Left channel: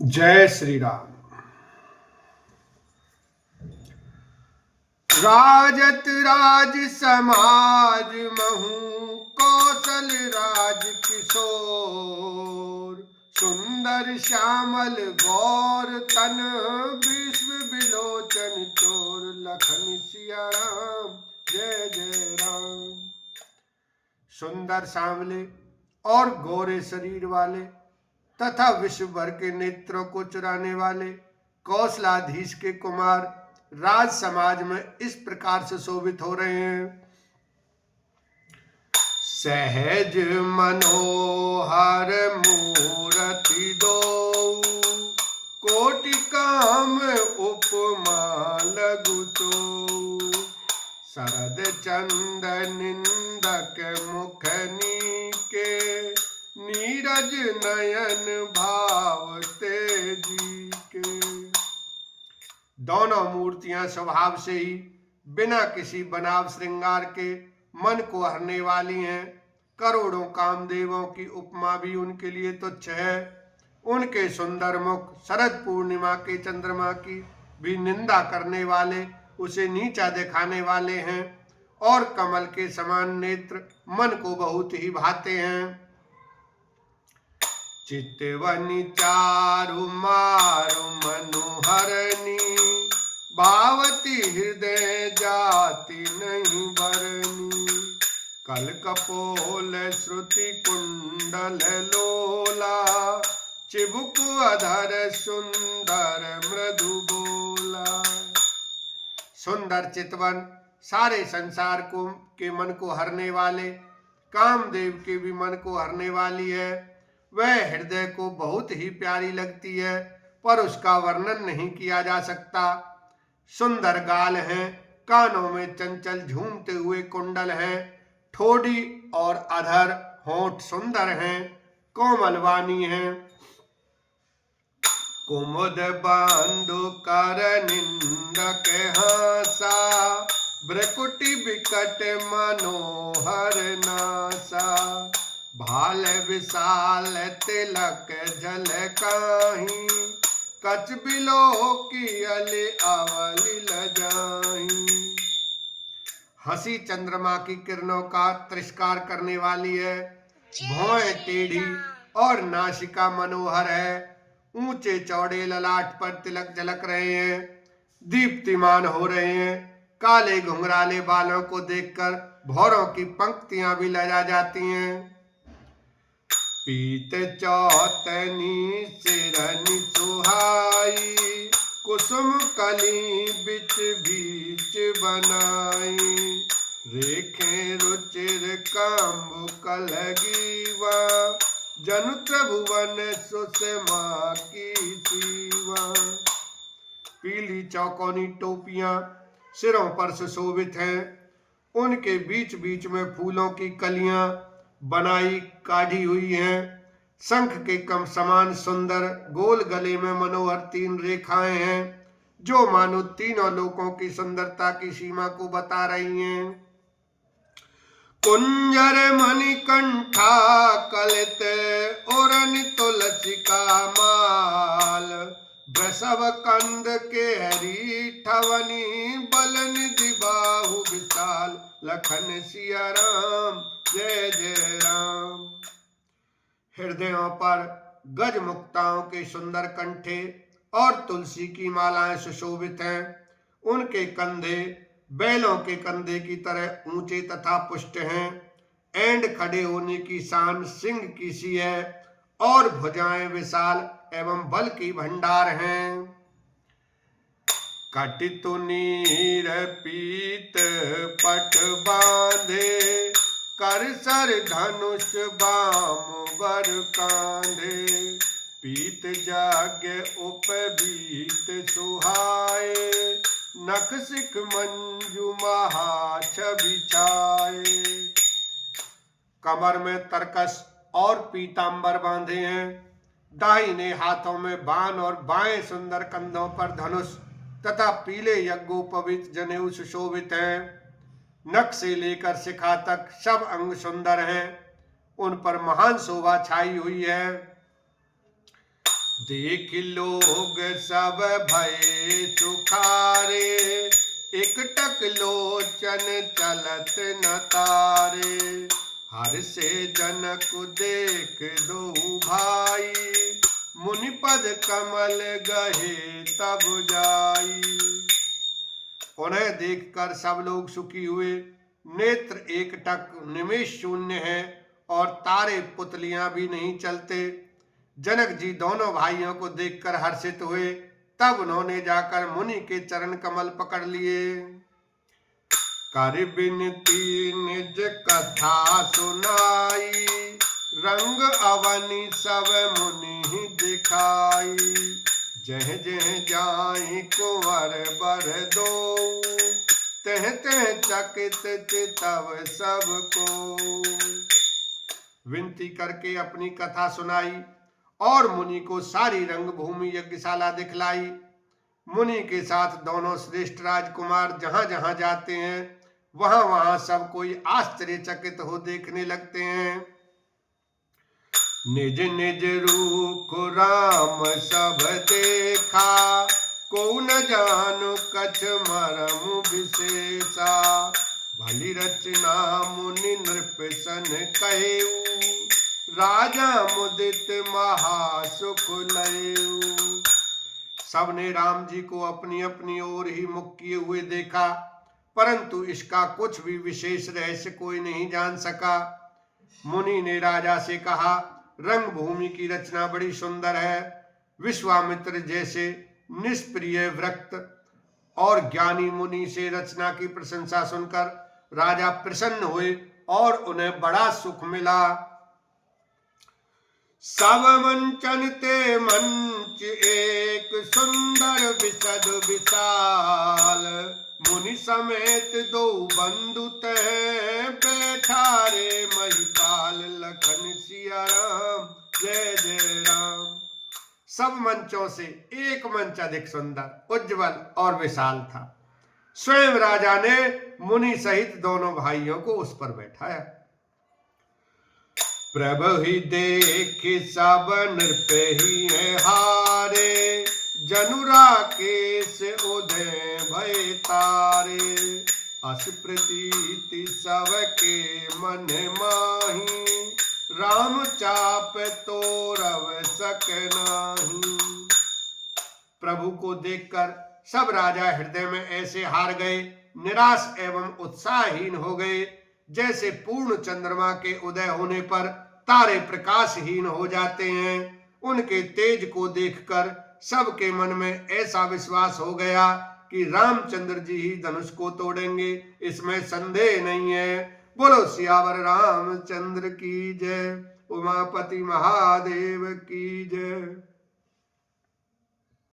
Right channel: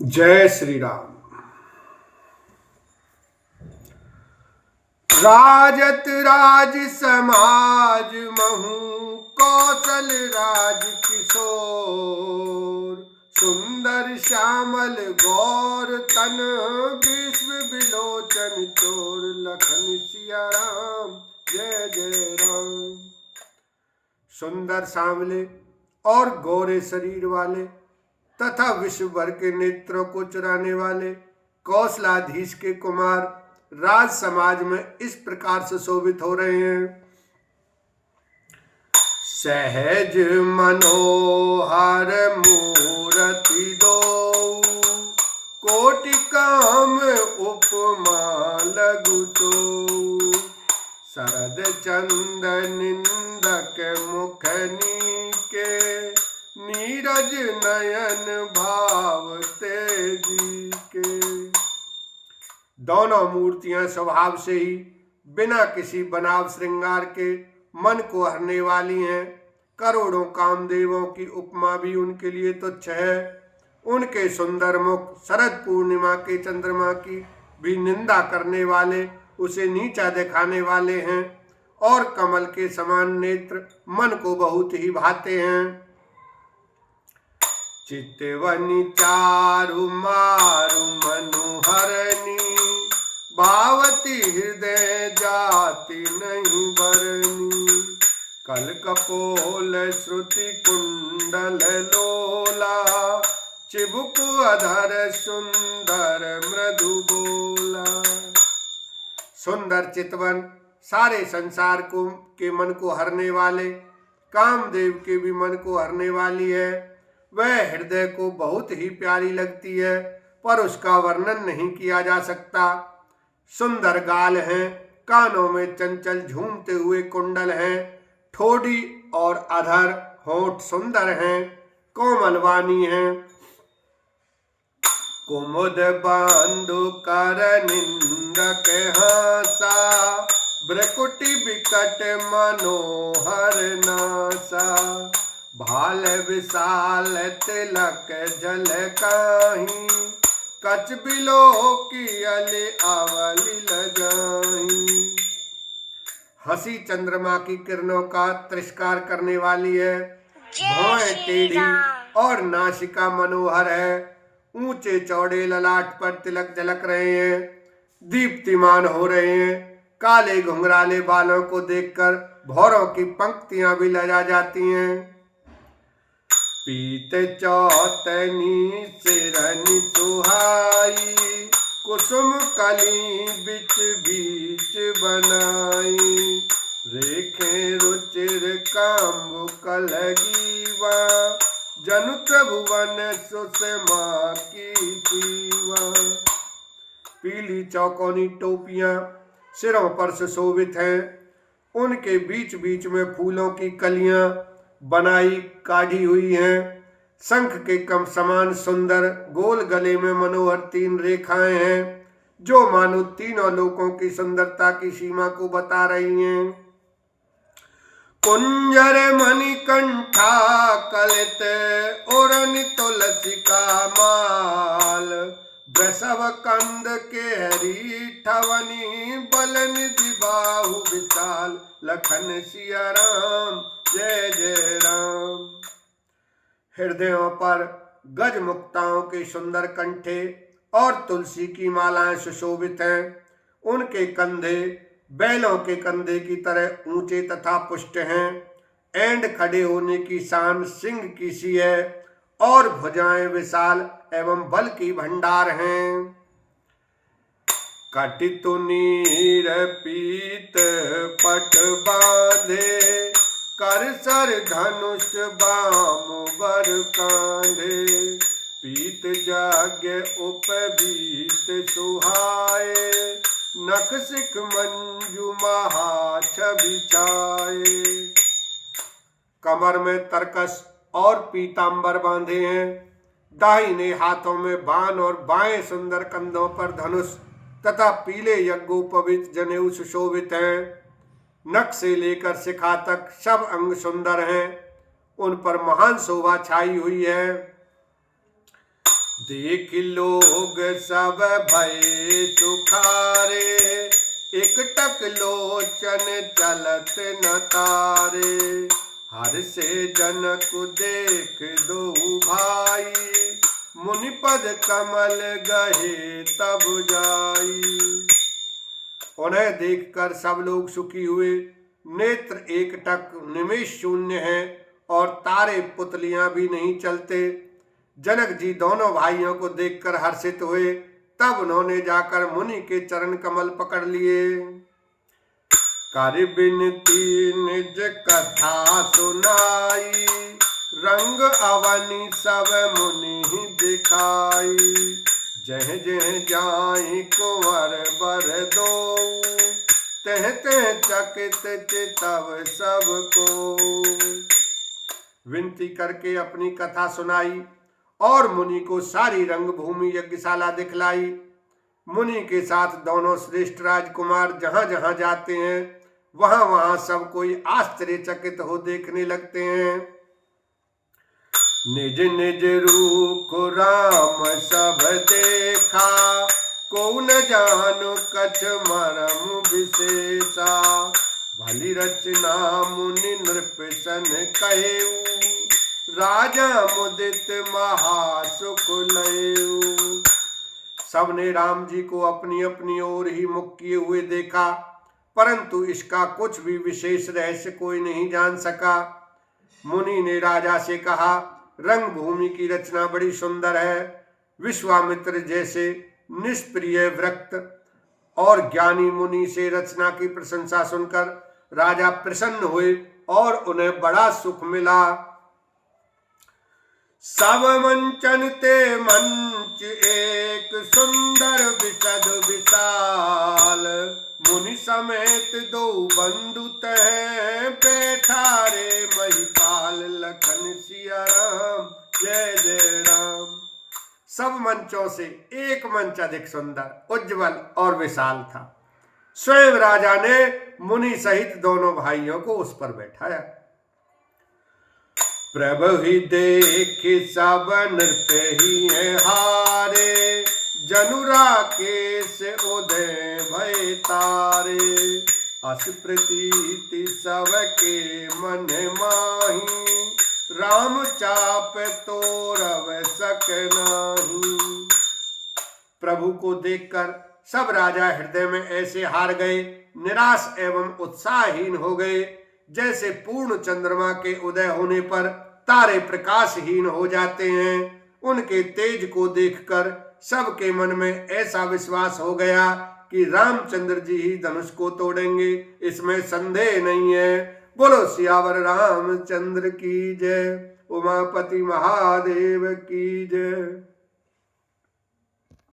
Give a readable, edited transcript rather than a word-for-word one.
जय श्री राम। राजत राज समाज महु कौशल राज किशोर, सुंदर श्यामल गौर तन विश्व विलोचन चोर, लखन सिया राम जय जय राम। सुंदर सांवले और गोरे शरीर वाले तथा विश्व भर के नेत्रों को चुराने वाले कौशलाधीश के कुमार राज समाज में इस प्रकार से शोभित हो रहे हैं। सहज मनोहर मूर्ति दो, कोटि काम उपमा लघु तो, शरद चंद निंदक मुख नीके, नीरज नयन भाव तेजी के। दोनों मूर्तियां स्वभाव से ही बिना किसी बनाव श्रृंगार के मन को हरने वाली हैं। करोड़ों कामदेवों की उपमा भी उनके लिए तुच्छ है। उनके सुंदर मुख शरद पूर्णिमा के चंद्रमा की भी निंदा करने वाले, उसे नीचा दिखाने वाले हैं, और कमल के समान नेत्र मन को बहुत ही भाते हैं। चितवनी चारु मारु मनुहरनी, भावती हृदय जाति नहीं बरनी, कल कपोल श्रुति कुंडल लोला, चिबुक अधर सुंदर मृदु बोला। सुंदर चितवन सारे संसार को के मन को हरने वाले, कामदेव के भी मन को हरने वाली है। वह हृदय को बहुत ही प्यारी लगती है, पर उसका वर्णन नहीं किया जा सकता। सुंदर गाल हैं, कानों में चंचल झूमते हुए कुंडल हैं, ठोड़ी और अधर होंठ सुंदर हैं, कोमल वाणी हैं। कुमुद बांधु कर निंदक हासा, भ्रकुटि विकट मनोहर नासा, भाल विशाल तिलक झलकाहि, कच बिलो की अले अवली लजाई। हंसी चंद्रमा की किरणों का तिरस्कार करने वाली है, भौहें टेढ़ी और नासिका मनोहर है, ऊंचे चौड़े ललाट पर तिलक झलक रहे हैं, दीप्तिमान हो रहे हैं। काले घुंघराले बालों को देखकर भौरों की पंक्तियां भी लजा जाती हैं। पीत चौतनी सिरनि सुहाई, कुसुम कली बिच बीच बनाई, रेखे रुचिर काम्बु कलगीवा, जनु त्रिभुवन सुषमा की सीवा। पीली चौकोनी टोपियां सिरों पर सुशोभित हैं, उनके बीच बीच में फूलों की कलियां बनाई काढ़ी हुई हैं। शंख के कम समान सुंदर गोल गले में मनोहर 3 रेखाएं हैं, जो मानो तीनों लोकों की सुंदरता की सीमा को बता रही हैं। कुंजर मणिकंठा कलित ओरनि तुलसी का माल, वृषभ कंद केहरी ठवनी, बल निधि बाहु विशाल, लखन सिया राम जय जय राम। हृदयों पर गज मुक्ताओं के सुंदर कंठे और तुलसी की मालाएं सुशोभित हैं। उनके कंधे बैलों के कंधे की तरह ऊंचे तथा पुष्ट हैं। एंड खड़े होने की शान सिंह की सी है, और भुजाएं विशाल एवं बल की भंडार हैं। कटितु नीर पीत पट बांधे, कर सर धनुष बाम बर कांधे, पीत जाग्य उपबीत सुहाए, नख सिख मंजू महा छवि छाए। कमर में तरकस और पीतांबर बांधे हैं, दाहिने हाथों में बाण और बाएं सुंदर कंधों पर धनुष तथा पीले यज्ञोपवीत जनेऊ सुशोभित हैं। नख से लेकर शिखा तक सब अंग सुंदर हैं, उन पर महान शोभा छाई हुई है। देख लोग सब भय सुखारे, एकटक लोचन चलत न तारे। हर से जनक देख दो भाई, मुनिपद कमल गहे तब जाई। उन्हें देखकर सब लोग सुखी हुए। नेत्र एकटक निमेष शून्य है और तारे पुतलियां भी नहीं चलते। जनक जी दोनों भाइयों को देखकर हर्षित हुए। तब उन्होंने जाकर मुनि के चरण कमल पकड़ लिए। कर बिनती निज कथा सुनाई, रंग अवनि सब मुनि दिखाई। जह जह जाई कुंवर बर दो, तह तह चकित चितव सबको। विनती करके अपनी कथा सुनाई और मुनि को सारी रंगभूमि यज्ञशाला दिखलाई। मुनि के साथ दोनों श्रेष्ठ राजकुमार जहां जहां जाते हैं वहां वहां सब कोई आश्चर्यचकित हो देखने लगते हैं। निज निज रूप राम सब देखा, को न जानु कछ मरम विशेषा। भली रचना मुनि नृप सन कहेऊ, राजा मुदित महासुख लयऊ। सबने राम जी को अपनी अपनी ओर ही मुख किए हुए देखा, परंतु इसका कुछ भी विशेष रहस्य कोई नहीं जान सका। मुनि ने राजा से कहा, रंग भूमि की रचना बड़ी सुंदर है। विश्वामित्र जैसे निष्प्रिय वृक्त और ज्ञानी मुनि से रचना की प्रशंसा सुनकर राजा प्रसन्न हुए और उन्हें बड़ा सुख मिला। सब मंचन ते मंच एक सुंदर विशद विशाल। मुनि समेत दो बंधु तह बैठा रे महिपाल। लखन सिया राम जय जय राम। सब मंचों से एक मंच अधिक सुंदर, उज्जवल और विशाल था। स्वयं राजा ने मुनि सहित दोनों भाइयों को उस पर बैठाया। प्रभु ही देख सब नृप ही है हारे, जनुरा केस उदय भय तारे। अस प्रतीति सबके मन माही, राम चाप तोरव सक नाही। प्रभु को देखकर सब राजा हृदय में ऐसे हार गए, निराश एवं उत्साहहीन हो गए, जैसे पूर्ण चंद्रमा के उदय होने पर तारे प्रकाशहीन हो जाते हैं। उनके तेज को देखकर सबके मन में ऐसा विश्वास हो गया कि रामचंद्र जी ही धनुष को तोड़ेंगे, इसमें संदेह नहीं है। बोलो सियावर रामचंद्र की जय। उमापति महादेव की जय।